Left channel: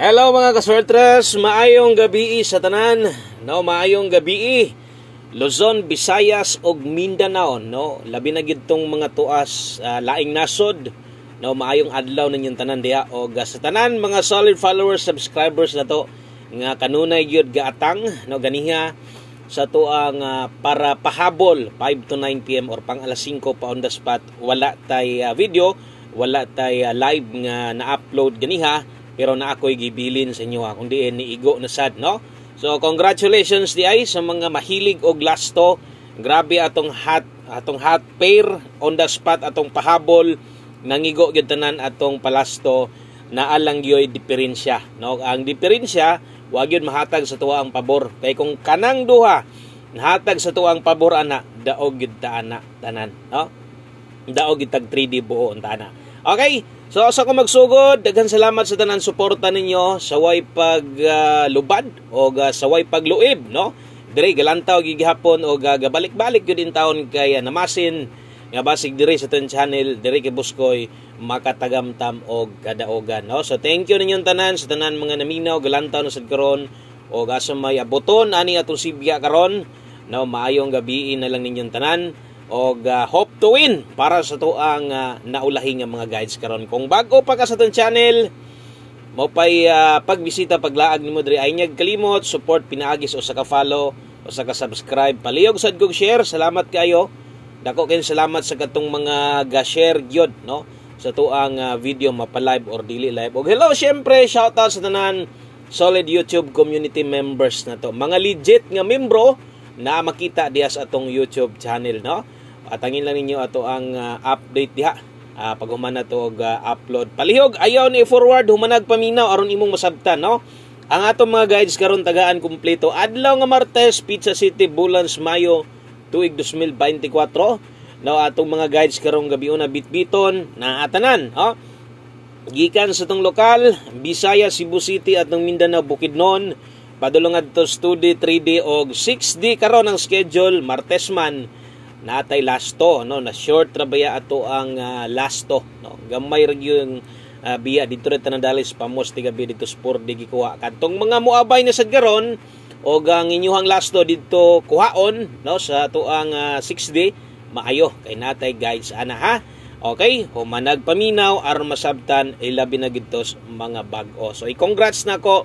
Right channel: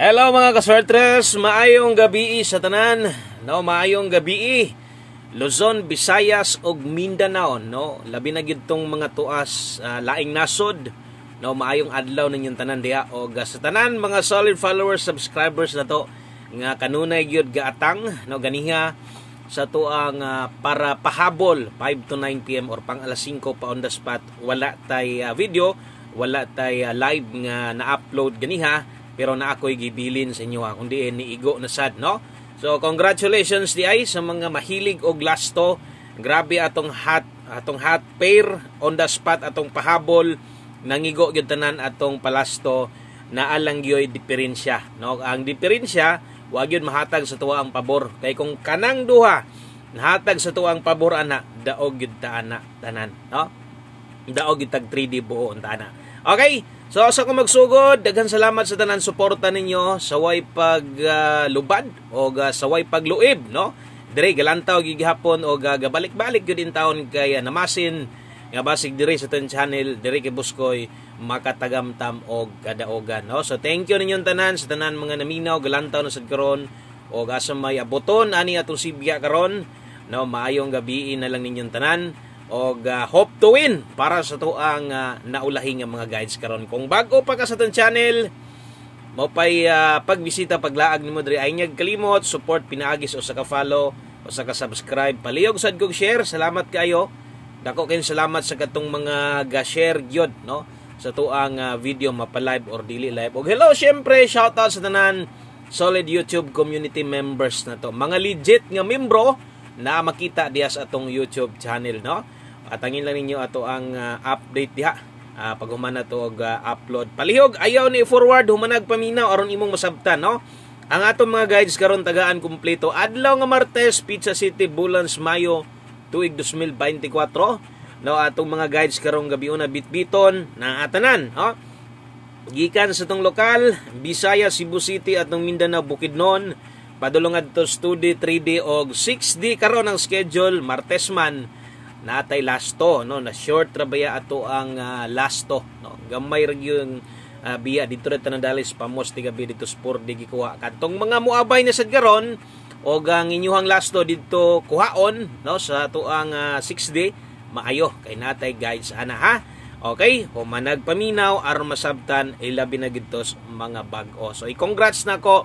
Hello mga kaswertres, maayong gabi sa tanan. No, maayong gabi Luzon, Visayas ug Mindanao, no. Labi na gid tong mga tuas laing nasod. No, maayong adlaw ninyong tanan diha og sa tanan mga solid followers, subscribers na to nga kanunay gyud gaatang, no, ganiha sa tuang para pahabol 5 to 9 PM or pang alas 5 pa on the spot. Wala tay video, wala tay live nga na-upload ganiha. Pero na ako'y gibilin sa inyo kundi ni Igo na sad, no? So congratulations di ay sa mga mahilig og lasto. Grabe atong hot pair on the spot atong pahabol nangigo gyud tanan atong palasto na alang gyoy diferensya, no? Ang diferensya wa gyud mahatag sa tuwa ang pabor. Kay kung kanang duha nahatag sa tuwa ang pabor ana, daog gyud ta ana tanan, no? Daog gyud tag 3D buo ang tana. Okay? So sa ko magsugod, daghan salamat sa tanan suporta ninyo sa way paglubad o sa way pagluib, no? Dire galantaw gigihapon o gabalik-balik gyud in taon kay namasin nga basig dire sa tan channel, dire kay Buskoy makatagamtam og kadaogan, no? So thank you ninyong tanan sa tanan mga naminaw galantaw na sad karon o asa may aboton ani atong sibya karon, no? Maayong gabi na lang ninyong tanan. Og hope to win para sa tuang naulahi nga mga guides karon. Kung bago pa ka sa tong channel, mo pay pagbisita paglaag nimo diri ay nyag kalimot support pinaagis o sa ka-follow o sa ka-subscribe. Palihog sad kog share. Salamat kayo. Dako kay salamat sa katong mga ga-share gyud, no, sa tuang video mapa-live or dili live. Og hello syempre, shout out sa tanan solid YouTube community members na to. Mga legit nga membro na makita diha sa atong YouTube channel, no? Atangin lang ninyo ato ang update diha pag humana to og upload. Palihog ayaw ni forward humanag paminaw aron imong masabtan, no? Ang atong mga guides karon tagaan kumpleto adlaw nga Martes, Pizza City, Bulans, Mayo tuig 2024. No, atong mga guides karong gabi una bitbiton na atanan, no? Gikan sa tong lokal, Bisaya, Cebu City atong Mindanao, Bukidnon, padulong adto study 3D og 6D karon ang schedule. Martes man natay lasto, no, na short trabaya ato ang lasto, no, gamay ra yung biya dito rin tanadalis pamos ti gabi dito sport di gikuha kadtong mga muabay na sad karon og ang inyuhang lasto dito kuhaon, no, sa ato ang 6D maayo kay natay guides ana, ha. Okay, humanag paminaw aron masabtan ilabi na gidto mga bag-o. So i-congrats nako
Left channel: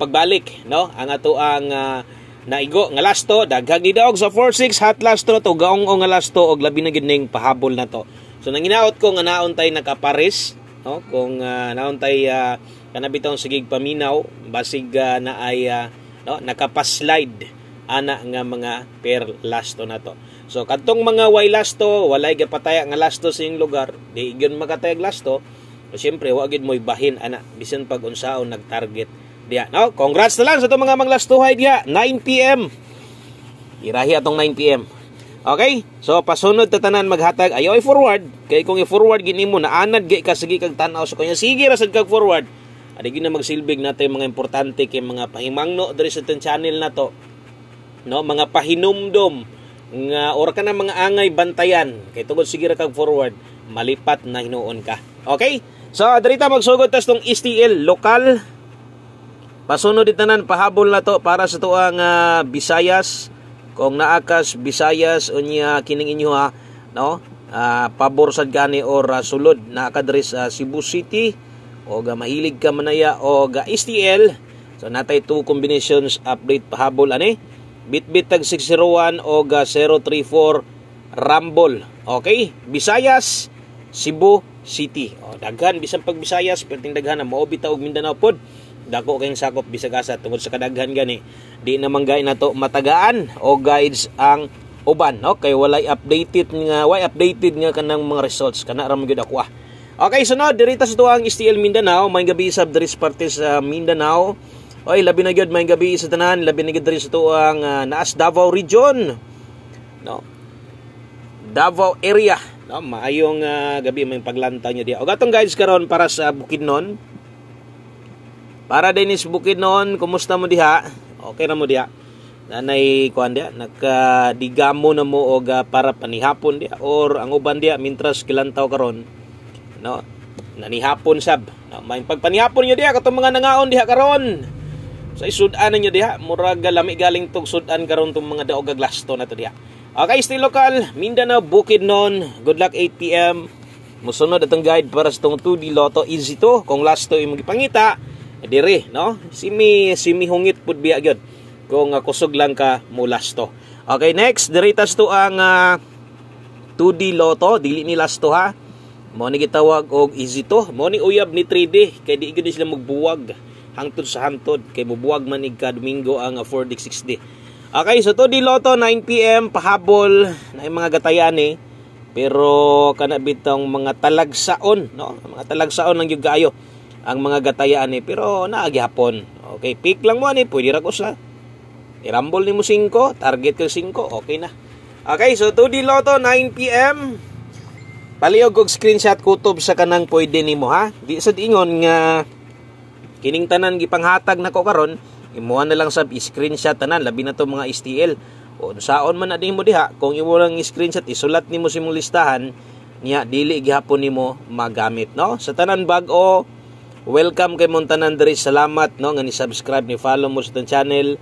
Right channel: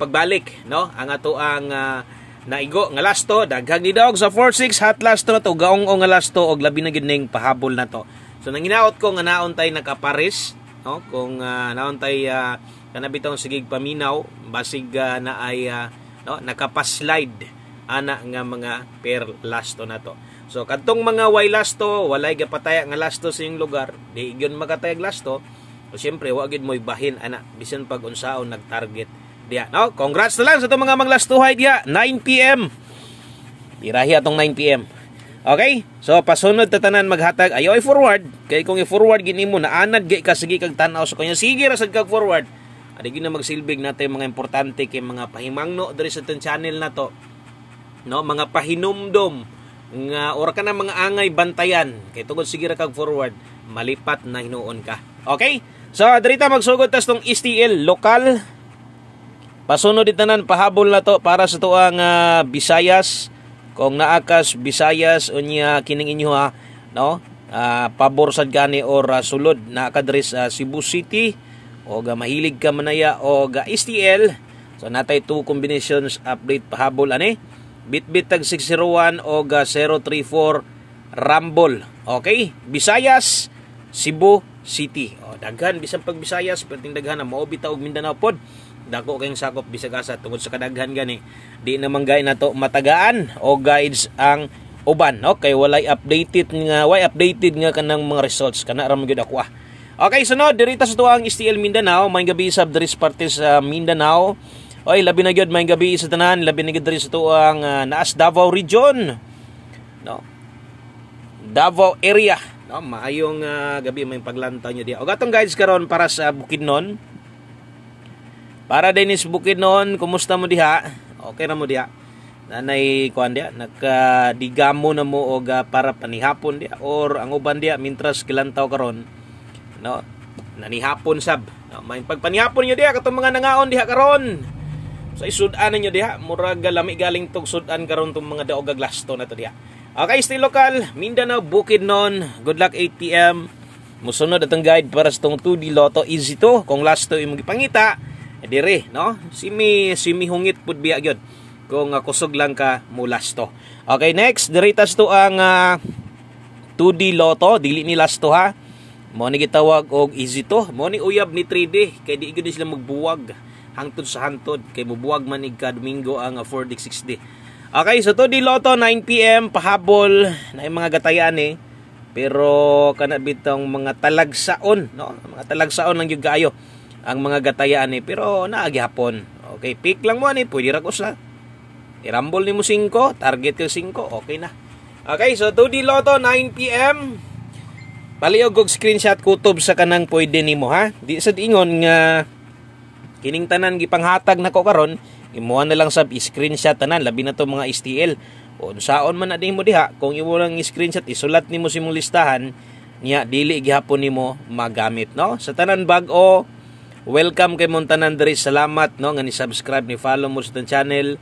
pagbalik, no, ang ato ang naigo nga lasto daghang nidaog sa 46 hot lasto na to gaong nga lasto og labi na gid ning pahabol na to. So nanginaot ko nga naon tay nakapares, no, kung naon tay kanabitaw sigig paminaw basig na ay no, nakapaslide ana nga mga per lasto na to. So kadtong mga way lasto walay gapataya nga lasto sa iyong lugar di gyud makatayag lasto. So syempre wa gid moy bahin ana bisan pag unsaon nagtarget diya, no? Congrats na lang sa itong mga maglastuhay diya. 9 PM. Irahi atong 9 PM. Okay? So, pasunod tatanan maghatag. Ayaw i-forward. Kaya kung i-forward gini mo, naanad gay ka, sige kag tanaw. So, kanya sige rasad kag forward. Adi na magsilbig natin mga importante kay mga pahimangno diri sa itong channel na to. No? Mga pahinumdom. Nga, ora ka na mga angay bantayan. Kaya tungod sige ra kag forward, malipat na hinuon ka. Okay? So, dirita magsugod tas tong STL lokal. Pasunod ditanan pahabol na to para sa tuang Visayas. Kung naakas Visayas unya kining inyo, ha, no, pabor sad gani or sulod na kadres Cebu City o mahilig ka manaya o STL. So natay 2 combinations update pahabol ani. Bitbit tag 601 o 034 Rumble. Okay? Visayas, Cebu City. O, daghan bisan pag Visayas perting daghan na mao bitaw og Mindanao pod. Dako kayong sakop bisag asa tungod sa kadaghan gani di naman gay nato matagaan o guides ang uban, no, kay walay updated nga kanang mga results kana ra gyud ako. Okay, sunod dirita sa tuang STL Mindanao, may gabi sab diri sa parte sa Mindanao. Oy, labi na gyud may gabi sa tanan, labi na gyud diri sa tuang naas Davao region, no, Davao area, no, maayong gabi may paglantaw nyo diya. Og atong guides karon para sa Bukidnon. Para Dennis Bukidnon, kumusta mo diha? Okay ra mo diha? Nanay kuan diha, nakadigamo na mo og para panihapon diha or ang uban diha mintras kilantaw karon, no? nanihapon sab. No, may pagpanihapon nyo diha katong mga nangaon diha karon. Sa isudan ninyo diha, murag lami galing tog sudan karon tong mga daog aglasto na to diha. Okay, stay local, Mindanao, Bukidnon. Good luck 8 PM. Musunod atong guide para sa tong 2D Lotto. Easy to. Kung last to imong gipangita, dire, no? Simi hungit pud biya gyud. Kung kusog lang ka mo last to. Okay, next, diritas to ang 2D Lotto, dili ni last to ha. Mo ni gitawag og easy to. Mo ni uyab ni 3D kay di gyud sila magbuwag hangtod sa hangtod kay mubuwag man ig Domingo ang 4D 6D. Okay, so 2D Lotto 9 PM pahabol na yung mga gatayan eh. Pero kana bitong mga talagsaon, no? Mga talagsaon lang gyud kaayo ang mga gatayan eh. Pero naagihapon. Okay, pick lang mo ani, pwede ra ko sa irambol nimo 5, target ko 5, okay na. Okay, so 2D Lotto 9 PM. Palihog og screenshot kutob sa kanang pwede nimo ha. Di sad ingon nga kining tanan gipanghatag nako karon, imuha na lang sa screenshot tanan labi na to mga STL. O saon man na nimo diha, kung imo lang screenshot isulat nimo sa imong listahan, niya dili gihapon nimo magamit, no? Sa tanan bag-o, welcome kay mong tanan diri. Salamat no nga ni subscribe ni follow mo sa tong channel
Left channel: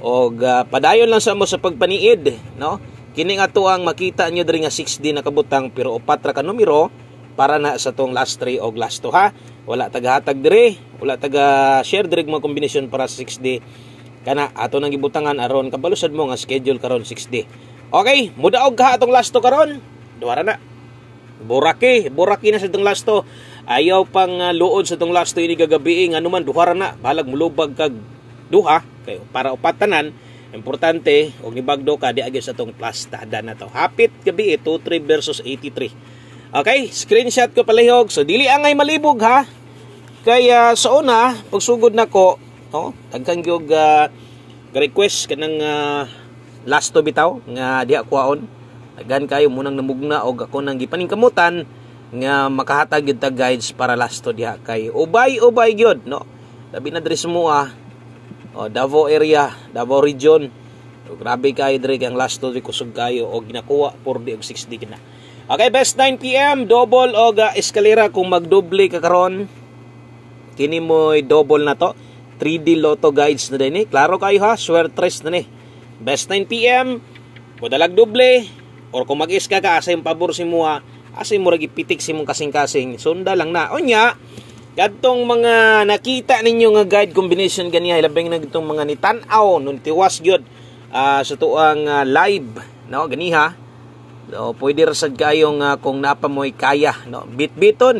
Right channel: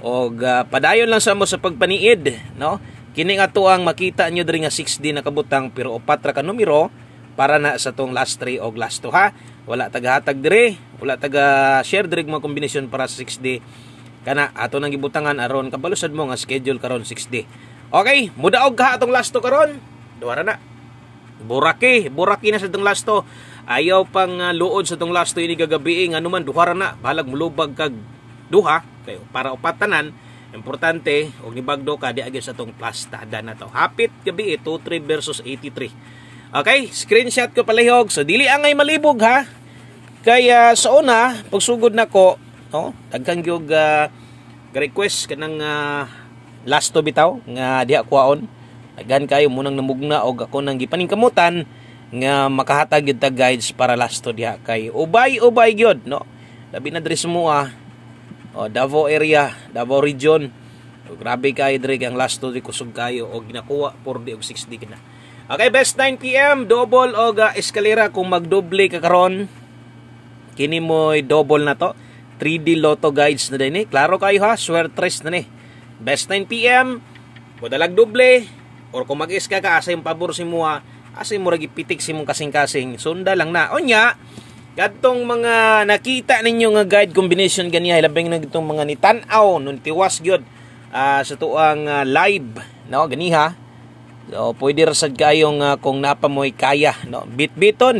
og padayon lang sa mo sa pagpaniid, no? Kini nga to ang makita nyo diri nga 6D na kabutang pero 4 ra ka numero para na sa tong last 3 og last 2 ha. Wala taga-hatag diri, wala taga-share diri mga kombinasyon para sa 6D. Kana ato nang gibutangan aron kabalusad mo nga schedule karon 6D. Okay, mudaog ka atong last 2 karon. Duha ra na. Buraki na sa tong last 2. Ayaw pang luod sa tong last 2 ini gagabi nga anuman duha ra na. Balag mulubag kag duha kay para upat tanan. Importante, og nibagdo ka di agad sa tong plus tada na to. Hapit gabi 23 versus 83. Okay, screenshot ko palihog. So dili angay malibog ha. Kaya sa una, pagsugod nako, no, daghan gyud request kanang last to bitaw nga diha kuwaon. Daghan kayo munang namugna og ako nang gipaningkamutan nga makahatag gyud ta guides para last to diha kay ubay gyud, no. Labi na diri semua. Davao area, Davao region. Grabe kayo diri ang last to di kusog kayo og ginakuha 4D og 6D kina. Okay, best 9 PM double og eskalera kung magdoble ka karon. Kini mo'y double na to. 3D Lotto guides na din eh. Klaro kayo ha, swertres na ni. Best 9 PM, modalag doble or kung mag-iska ka asa yung pabor si mo ha, asa yung murag ipitik si mong kasing-kasing. Sunda lang na. Onya, kadtong mga nakita ninyo nga guide combination ganiya labing na gitong mga nitanaw nun tiwas gyud sa tuang live, no, ganiha. So pwede ra sad kayong kung napa mo'y kaya, no, bitbitan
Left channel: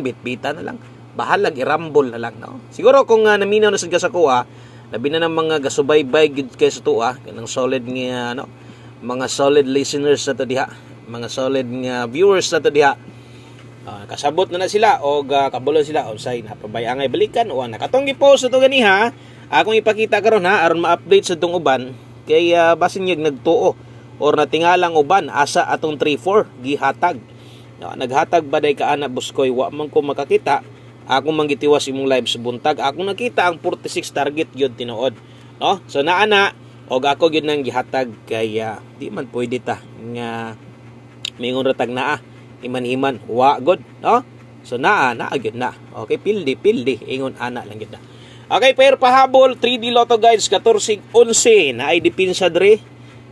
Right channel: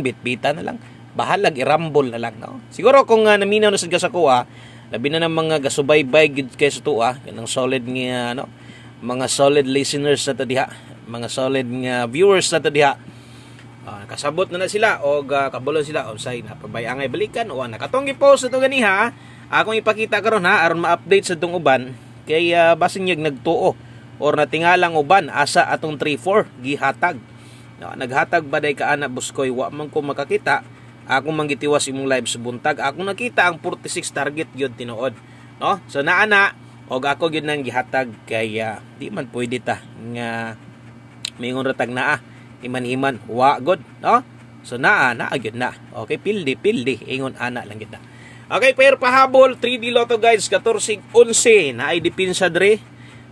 na lang. Bahalag irambol na lang, no. Siguro kung naminaw na sad ka sa kuha, labi na ng mga gasubaybay gid kay sa tuwa, kanang solid nga no, mga solid listeners na to diha, mga solid nga viewers na to diha. Kasabot na sila o kabulon sila o say napabayangay balikan o nakatong gi-post ito ganiha akong ipakita karon ha aron ma-update sa tong uban kay basin yag nagtuo or natingalang uban asa atong 3-4 gihatag, no, naghatag baday ka ana buskoy wa man ko makakita ako manggitiwas imong live sa buntag ako nakita ang 46 target gyud tinuod, no. So naana og ako gyud nang gihatag kay di man pwede ta nga mingon ratag naa iman-iman wa god, no. So naa gyud na. Okay, pildi ingon ana lang gyud na. Okay, pair pahabol 3D Lotto guides 14-11 na ay dipinsa dre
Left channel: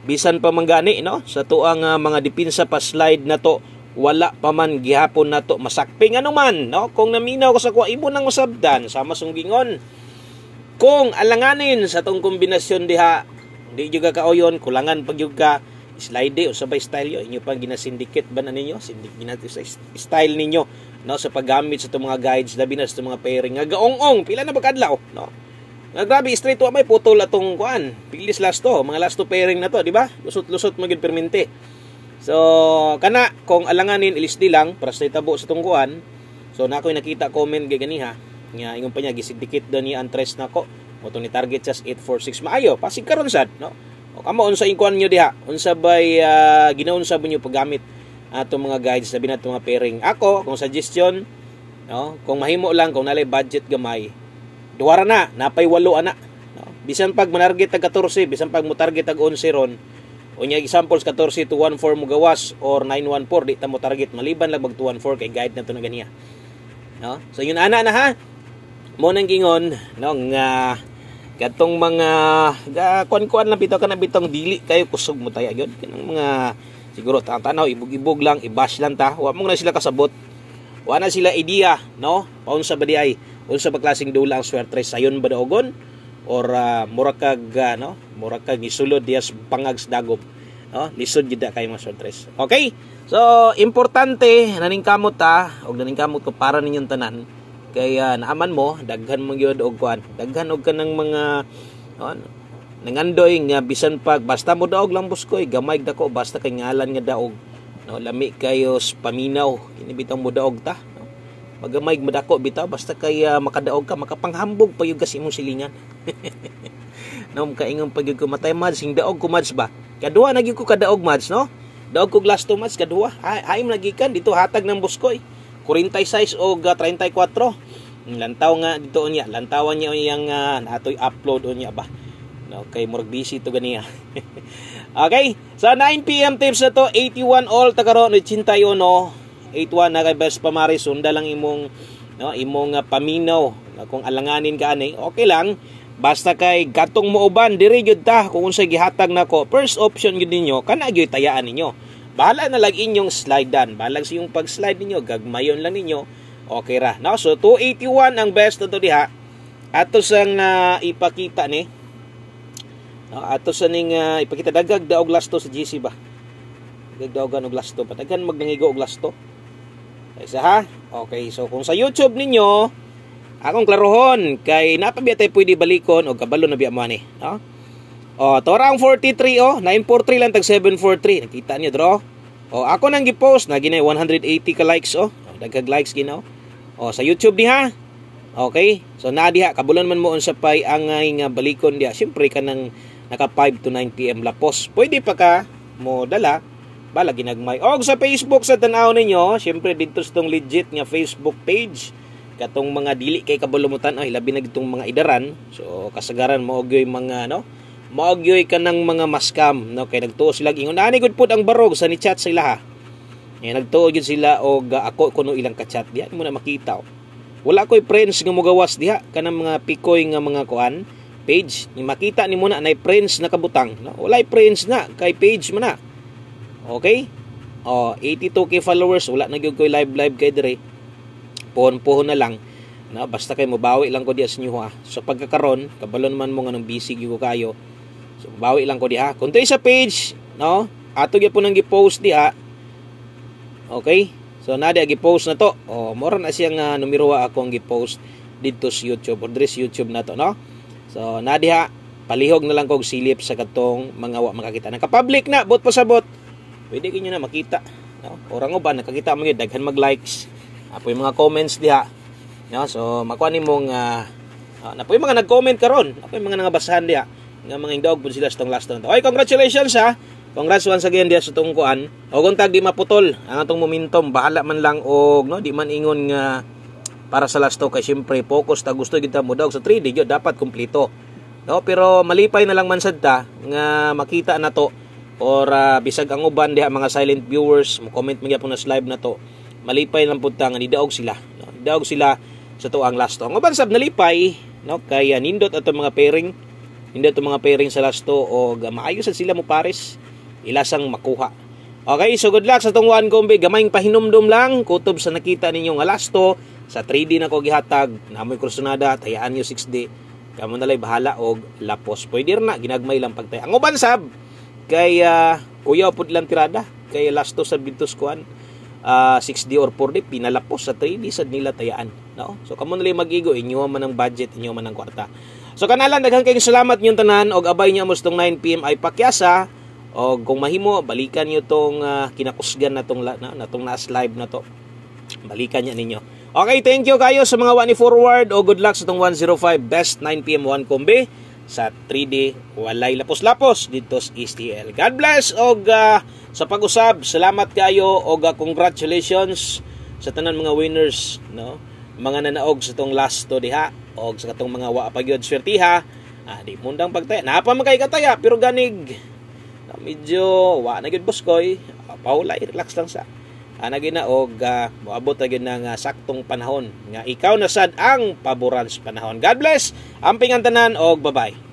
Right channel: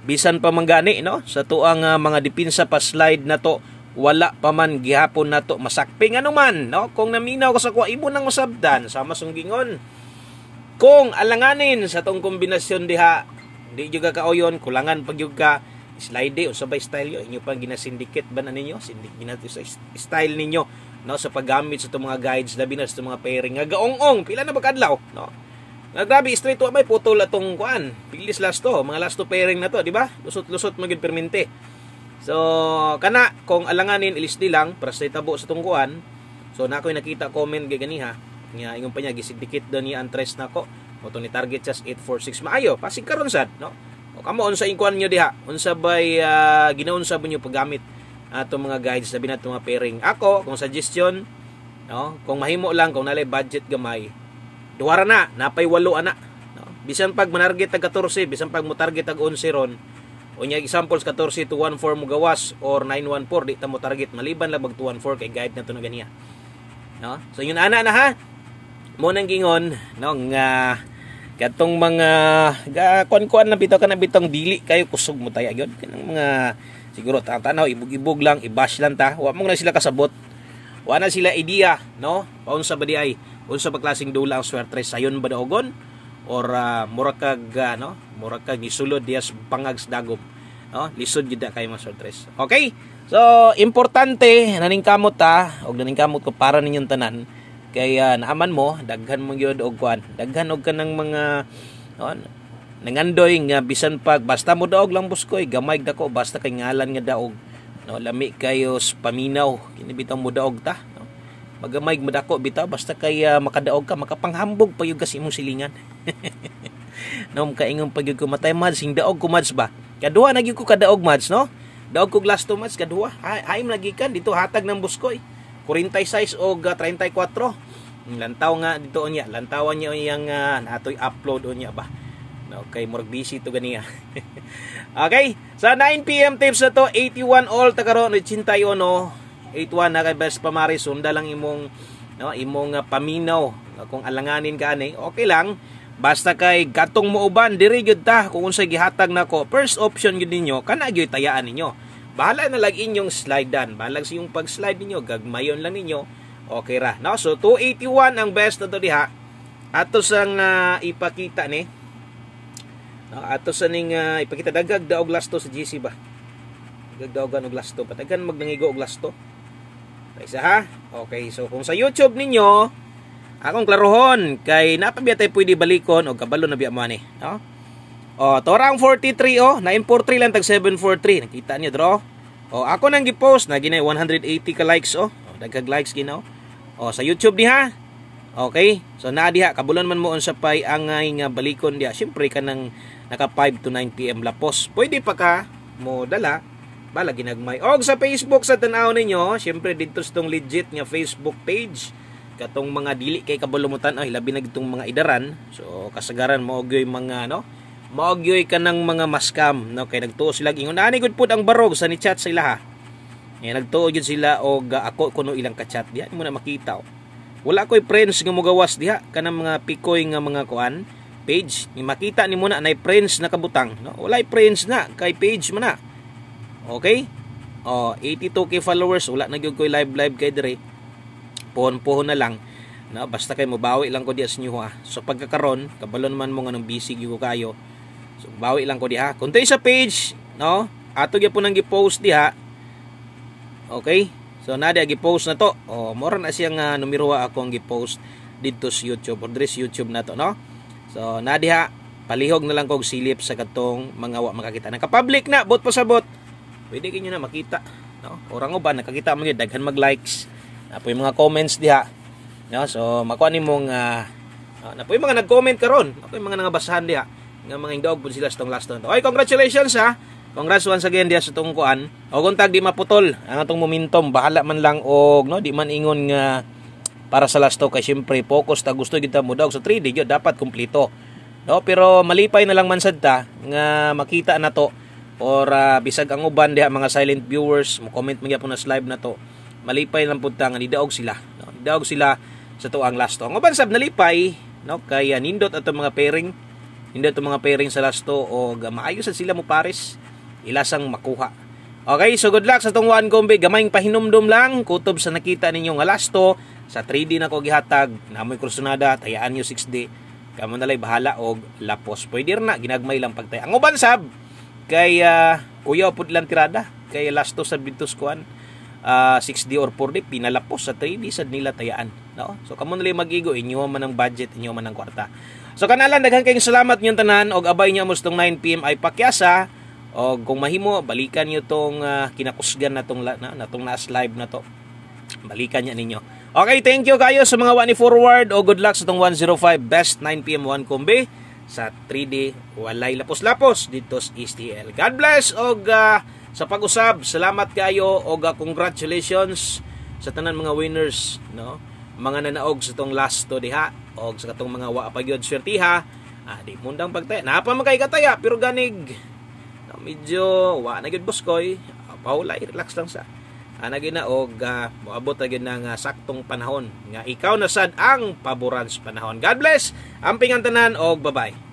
bisan pa manggani, no, sa tuang mga dipinsa pa slide na to wala pa man gihapon na to masakping anuman, no. Kung naminaw ka sa kuha imo nang masabdan sa masunggingon kung alanganin sa tong kombinasyon diha di juga kaoyon kulangan pag ka slide o sabay style yo inyo pang ginasindicate ba na ninyo sa style ninyo, no, sa paggamit sa itong mga guides labi na sa itong mga pairing nga gaong-ong pila na bagkadlaw, no, nga grabe straight to may putol atong kuan pilis last to mga last to pairing na to, di ba, lusot magid permente. So kana kung alanganin ilisdi lang para sa itabo sa itong kuan. So na ako'y nakita comment kay ganiha nga ingon pa niya gisindicate daw ni Antres nako mo to ni target just 846 maayo pasig karon sad, no. O kamo unsa inkuan nyo diha? Unsa bay ginaunsa mo nyo paggamit ato mga guides sabi nato mga pairing. Ako kung suggestion, no, kung mahimo lang kung nalay budget gamay, duwara na napay 8 ana, no. Bisan pag manarget tag 14, bisan pag mo target tag 11 ron. Unya examples 14 to 14 mo gawas or 914 di ta mo target maliban lang mag 214 kay guide na to na ganiya. no? So yun ana na ha. Mo nang gingon no nga katong mga kuan-kuan na bitaw kana bitong dili kayo kusog mo taya gyud kanang mga siguro tanaw ibug-ibug lang, i-bash lang ta. Wa mo na sila kasabot. Wa na sila idea, no? Paunsa ba di ay unsa ba klaseng dula ang swerte sayon ba daogon or mura kag gisulod dias pangag sa dagom, no? Lisod gid kay mga swertres. Okay? So, importante naningkamot ta og naningkamot ko para ninyong tanan kay naaman mo daghan mo gyud og kuan. Daghan og kanang mga nangandoy nga bisan pag basta mo daog lang buskoy gamay dako basta kay ngalan nga daog, no? Lami kayo paminaw kini bitaw mo daog ta. Magamay madako bitaw basta kay makadaog ka makapanghambog pa yung kasi imong silingan. No, kaingon pag yung kumatay mads sing daog ko mads ba. Kadua na gyud ko kadaog mads, no? Daog ko glass to mads kadua. Ay nagikan dito hatag ng buskoy. 46 o 34. Lantaw nga dito unya. Lantawan niya yang natoy upload unya ba. No, kay murag busy to ganiya. Okay, sa 9 PM tips na to 81 all tagaron 81 81 na kay best pamaris sunda lang imong paminaw kung alanganin ka ani okay lang basta kay gatong muuban diri gyud ta kung unsay gihatag nako first option gyud ninyo kana gyud tayaan ninyo bahala na lang inyong slidean bahala sa yung pag-slide ninyo gagmayon lang ninyo okay ra no so 281 ang best to diha ato sang ipakita ni no ato sa ning ipakita dagag daog lasto sa GC ba dagdaogan og lasto patagan magnangigo og lasto isa ha? Okay, so kung sa YouTube ninyo, akong klarohon, kay napabiyatay pwede balikon o kabalo na biya mo ani, no? O, torang 43 943 lang tag 743. Nakita niyo dro? O, ako nang gi-post na ginay 180 ka likes dagkag likes ginaw. O, sa YouTube ni ha. Okay? So na diha kabulon man mo unsa pay angay nga balikon diha. Syempre kanang naka 5 to 9 PM lapos. Pwede pa ka mo dala bala ginagmay. Og sa Facebook sa tan-aw ninyo, syempre dito sa tong legit nga Facebook page katong mga dili kay kabulumutan ay labi na gitong mga idaran. So kasagaran mo og mga maogyoy kanang mga maskam no kay nagtuo sila ingon ani gud pud ang barog sa ni chat sa ilaha. Nagtuo gyud sila og ako kuno ilang ka-chat diha mo na makita. Wala koy friends nga mogawas diha kanang mga pikoy nga mga kuan page ni makita ni mo na nay friends na kabutang no. Walay friends na kay page man na. Okay? 82k followers, wala na gyud koy live kay dire. Pohon na lang. No, basta kay mobawi lang ko diha sa inyo ha. So pagkakaron, kabalon man mo nganong busy gyud ko kayo. So bawi lang ko diha. Kung sa page, no? Ato gyud po nang gi-post diha. Okay? So na diha gi-post na to. Mora na siyang numero ako ang gi-post dito sa YouTube or dire sa YouTube na to, no? So na diha palihog na lang kog silip sa katong mga wa makakita. Naka-public na, bot pasabot. Pwede kinyo na makita, no? Orang uban nakakita mo gyud daghan mag-likes. Apo yung mga comments diha. No, so makuha nimong napo yung mga nag-comment karon. Apo yung mga nangabasahan diha nga mga indog pud sila sa tong last to. Okay, congratulations ha. Congrats once again diha sa tong kuan. O kung tag di maputol ang atong momentum, bahala man lang og no, di man ingon nga para sa last to kay syempre focus ta gusto kita mo daw sa 3D gyud dapat kumpleto. No, pero malipay na lang man sad ta nga makita na to. Or bisag ang uban diha mga silent viewers mo comment man gyapon na live na to malipay lang pud ta nga nidaog sila no? Nidaog sila sa to ang last to ang uban sab nalipay no kaya nindot ato mga pairing sa last to o maayo sad sila mo pares ilasang makuha. Okay, so good luck sa tong one kombe gamayng pahinumdum lang kutob sa nakita ninyo nga last to sa 3D na ko gihatag namoy kursunada tayaan nyo 6D kamo nalay bahala og lapos pwede na ginagmay lang pagtay ang uban sab kay uyaw pud lang tirada kay last to sa bintos kuan 6D or 4D pinalapos sa 3D sad nila tayaan no so kamo nalay magigo inyo man ang budget inyo man ang kwarta so kanalan daghan kayong salamat niyo tanan og abay niyo mustong 9 PM ay pakyasa og kung mahimo balikan niyo tong kinakusgan natong nas live na to balikan niya ninyo. Okay, thank you kayo sa mga wani forward o good luck sa tong 105 best 9 PM 1 kombe sa 3D walay lapos-lapos dito sa STL. God bless og sa pag-usab salamat kayo og congratulations sa tanan mga winners no mga nanaog sa tong last to diha og sa katong mga wa pa gyud swertiha di mundang pagtaya napa man kay kataya pero ganig medyo wa na gyud boskoy paulay relax lang sa ana gina og moabot gyud ng saktong panahon nga ikaw na sad ang paboran sa panahon. God bless amping ang tanan og bye-bye.